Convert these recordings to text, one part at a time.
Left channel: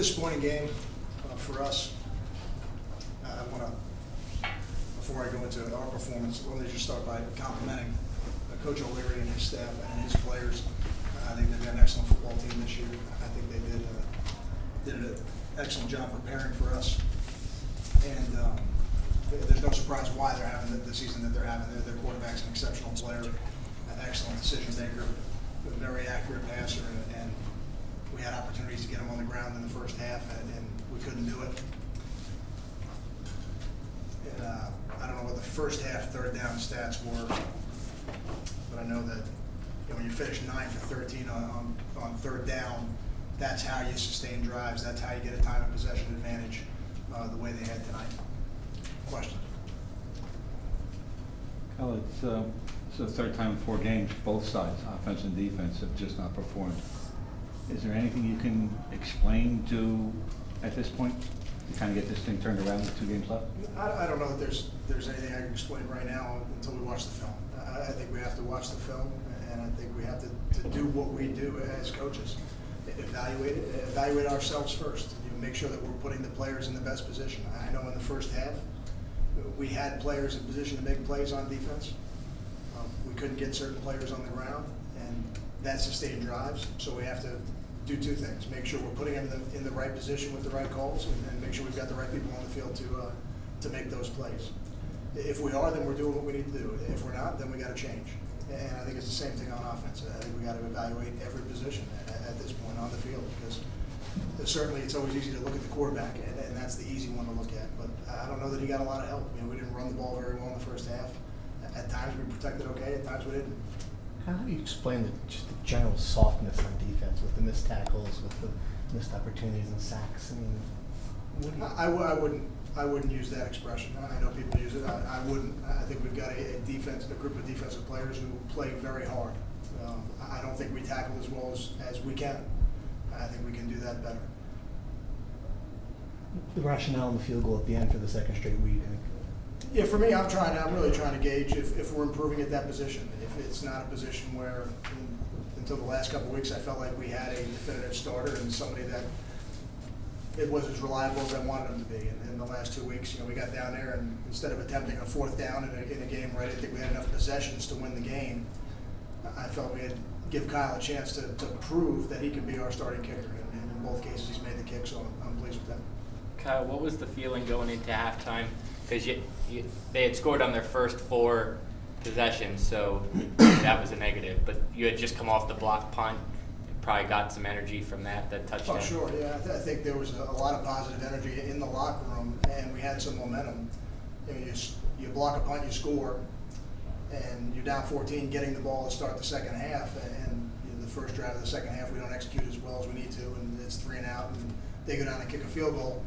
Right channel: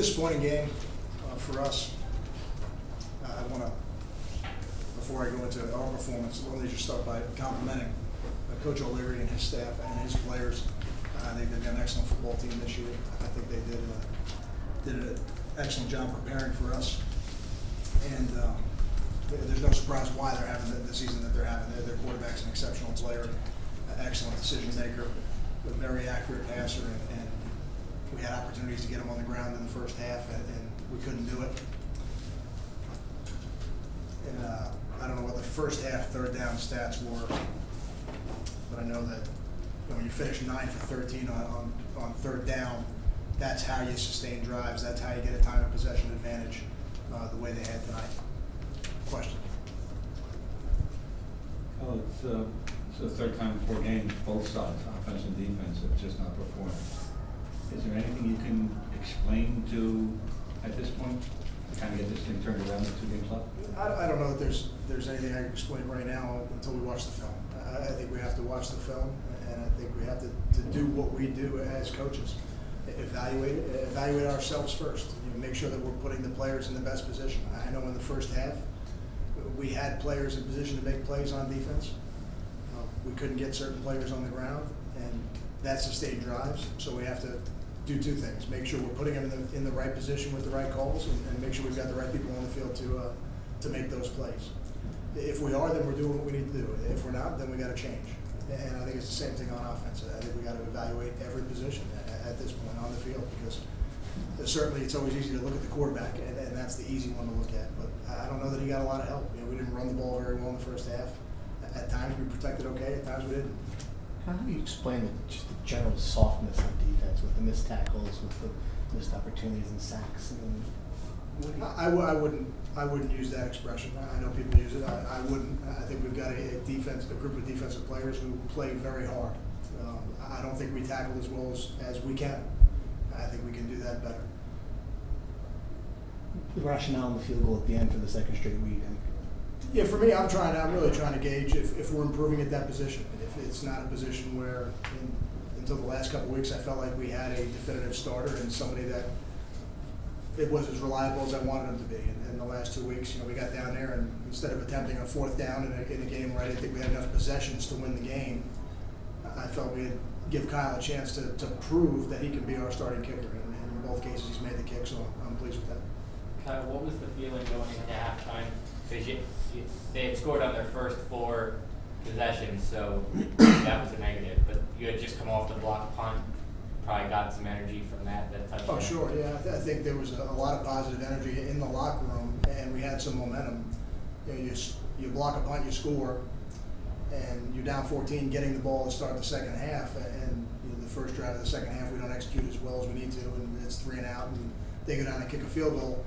disappointing game for us. I want to, before I go into our performance, let me just start by complimenting Coach O'Leary and his staff and his players. I think they've got an excellent football team this year. I think they did an excellent job preparing for us. And there's no surprise why they're having the season that they're having. Their quarterback's an exceptional player, an excellent decision maker, a very accurate passer, and we had opportunities to get him on the ground in the first half, and we couldn't do it. And I don't know what the first half third down stats were, but I know that when you finish 9 for 13 on third down, that's how you sustain drives. That's how you get a time of possession advantage the way they had tonight. Question? Well, it's the third time in 4 games, both sides, offense and defense, have just not performed. Is there anything you can explain to, at this point, to kind of get this thing turned around with 2 games left? I don't know that there's anything I can explain right now until we watch the film. I think we have to watch the film, and I think we have to do what we do as coaches. Evaluate ourselves first. Make sure that we're putting the players in the best position. I know in the first half, we had players in position to make plays on defense. We couldn't get certain players on the ground, and that sustained drives. So we have to do 2 things: make sure we're putting them in the right position with the right calls, and make sure we've got the right people on the field to make those plays. If we are, then we're doing what we need to do. If we're not, then we got to change. And I think it's the same thing on offense. I think we got to evaluate every position at this point on the field, because certainly it's always easy to look at the quarterback, and that's the easy one to look at. But I don't know that he got a lot of help. We didn't run the ball very well in the first half. At times we protected okay, at times we didn't. How do you explain just the general softness on defense with the missed tackles, with the missed opportunities and sacks? I mean, what do you... I wouldn't use that expression. I know people use it. I wouldn't. I think we've got a group of defensive players who play very hard. I don't think we tackle as well as we can. I think we can do that better. The rationale in the field goal at the end for the second straight week, I think. Yeah, for me, I'm really trying to gauge if we're improving at that position. If it's not a position where, until the last couple of weeks, I felt like we had a definitive starter and somebody that it was as reliable as I wanted him to be. And in the last 2 weeks, we got down there, and instead of attempting a 4th down in a game where I didn't think we had enough possessions to win the game, I felt we had give Kyle a chance to prove that he can be our starting kicker. And in both cases, he's made the kick, so I'm pleased with that. Kyle, what was the feeling going into halftime? Because they had scored on their first 4 possessions, so that was a negative. But you had just come off the block punt, probably got some energy from that touchdown. Oh, sure, yeah. I think there was a lot of positive energy in the locker room, and we had some momentum. You block a punt, you score, and you're down 14, getting the ball to start the second half, and the first drive of the second half we don't execute as well as we need to, and it's 3 and out, and they go down and kick a field goal.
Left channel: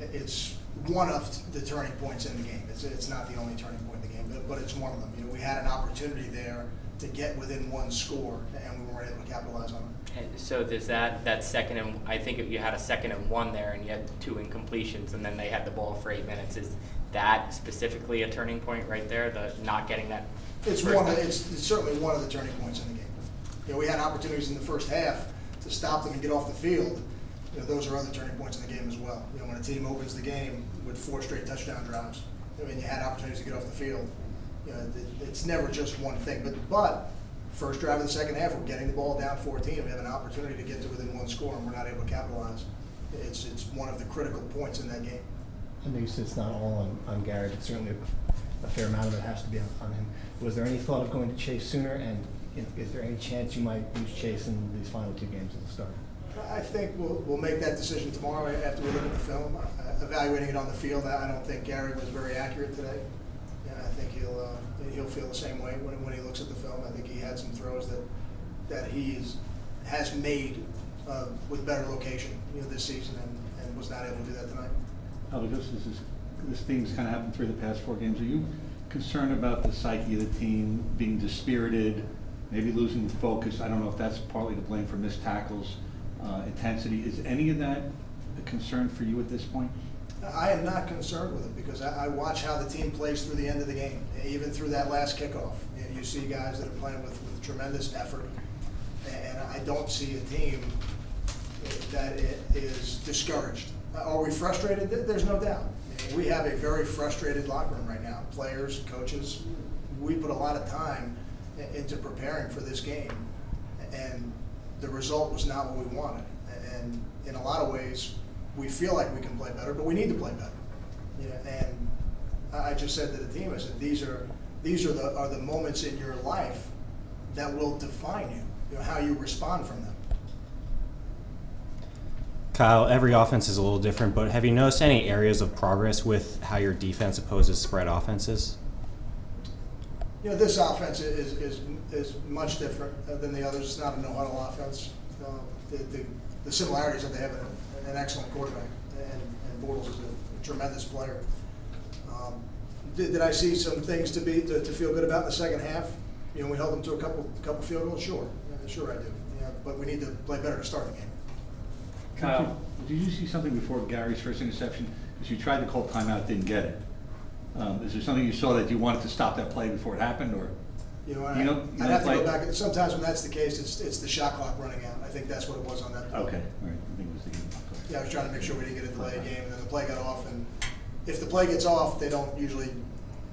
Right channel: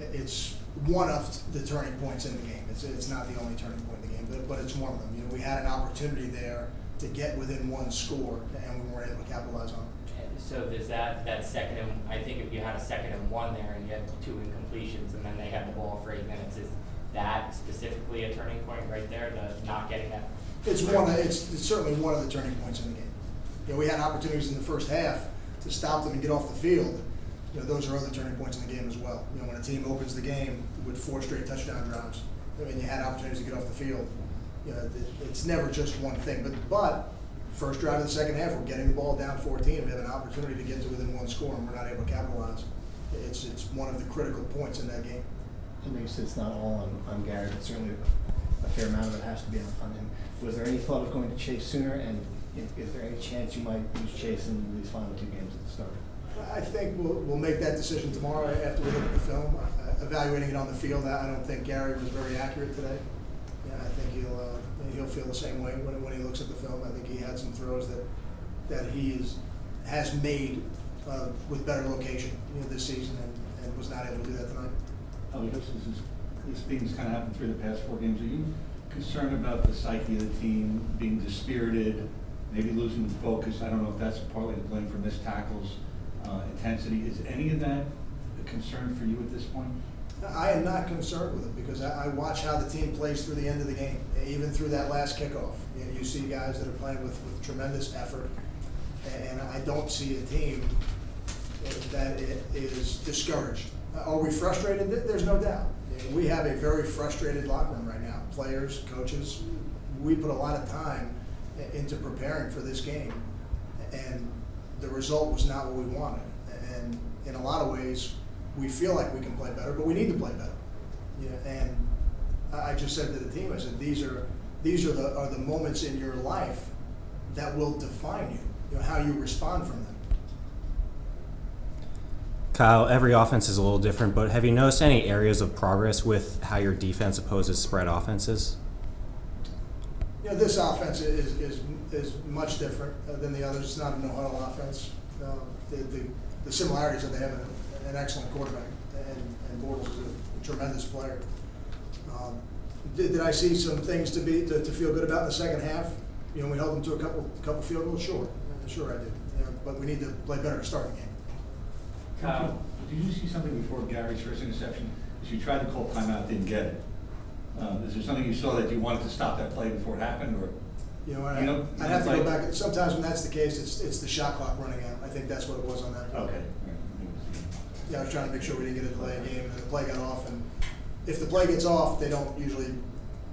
It's one of the turning points in the game. It's not the only turning point in the game, but it's one of them. We had an opportunity there to get within 1 score, and we weren't able to capitalize on it. So does that second and I think you had a 2nd and 1 there, and you had 2 incompletions, and then they had the ball for 8 minutes. Is that specifically a turning point right there? The not getting that. It's certainly one of the turning points in the game. We had opportunities in the first half to stop them and get off the field. Those are other turning points in the game as well. When a team opens the game with 4 straight touchdown drives, you had opportunities to get off the field. It's never just one thing. But first drive of the second half, we're getting the ball down 14. We have an opportunity to get to within 1 score, and we're not able to capitalize. It's one of the critical points in that game. I know you said it's not all on Gary, but certainly a fair amount of it has to be on him. Was there any thought of going to Chase sooner, and is there any chance you might use Chase in these final 2 games at the start? I think we'll make that decision tomorrow after we look at the film. Evaluating it on the field, I don't think Gary was very accurate today. I think he'll feel the same way when he looks at the film. I think he had some throws that he has made with better location this season, and was not able to do that tonight. Because this theme's kind of happened through the past 4 games. Are you concerned about the psyche of the team being dispirited, maybe losing focus? I don't know if that's partly to blame for missed tackles, intensity. Is any of that a concern for you at this point? I am not concerned with it, because I watch how the team plays through the end of the game, even through that last kickoff. You see guys that are playing with tremendous effort, and I don't see a team that it is discouraged. Are we frustrated? There's no doubt. We have a very frustrated locker room right now. Players, coaches, we put a lot of time into preparing for this game, and the result was not what we wanted. And in a lot of ways, we feel like we can play better, but we need to play better. And I just said to the team, I said, these are the moments in your life that will define you, how you respond from them. Kyle, every offense is a little different, but have you noticed any areas of progress with how your defense opposes spread offenses? This offense is much different than the others. It's not a no-huddle offense. The similarities that they have an excellent quarterback, and Bortles is a tremendous player. Did I see some things to feel good about in the second half? We held them to a couple field goals. Sure I do. But we need to play better to start the game. Kyle. Did you see something before Gary's first interception? Because you tried to call timeout, didn't get it. Is there something you saw that you wanted to stop that play before it happened, or? I'd have to go back. Sometimes when that's the case, it's the shot clock running out. I think that's what it was on that play. Okay, all right. I think it was the game. Yeah, I was trying to make sure we didn't get a delay game, and then the play got off. And if the play gets off, they don't usually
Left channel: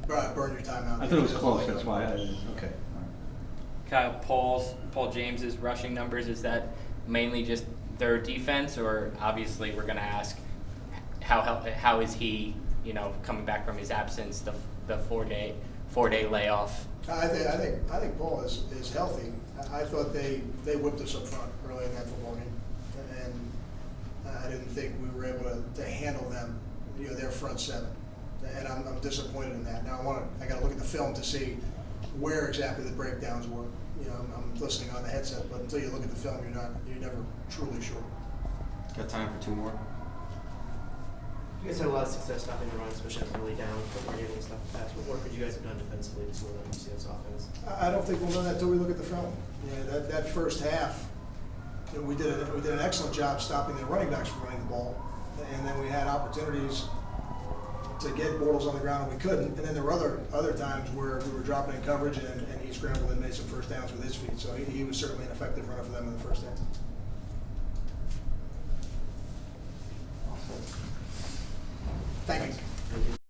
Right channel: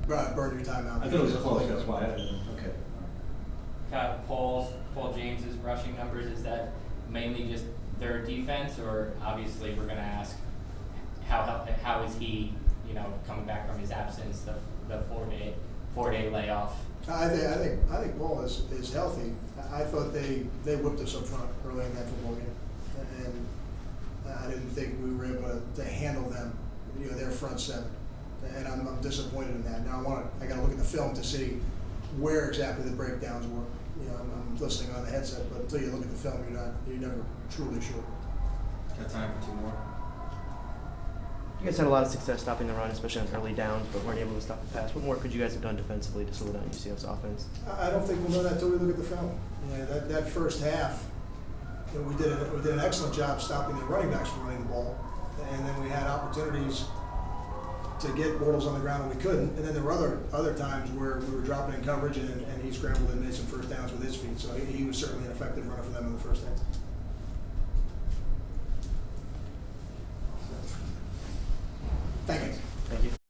burn your timeout. I thought it was close. That's why I didn't. Okay. All right. Kyle, Paul James's rushing numbers, is that mainly just their defense, or obviously we're going to ask how is he, coming back from his absence, the four-day layoff? I think Paul is healthy. I thought they whipped us up front early in that football game, and I didn't think we were able to handle them, their front seven, and I'm disappointed in that. Now I got to look at the film to see where exactly the breakdowns were. I'm listening on the headset, but until you look at the film, you're never truly sure. Got time for two more? You guys had a lot of success stopping the run, especially on early down, but weren't able to stop the pass. What more could you guys have done defensively to slow down UCF's offense? I don't think we'll know that until we look at the film. That first half, we did an excellent job stopping the running backs from running the ball, and then we had opportunities to get Bortles on the ground and we couldn't. And then there were other times where we were dropping in coverage and he scrambled and made some first downs with his feet. So he was certainly an effective runner for them in the first half.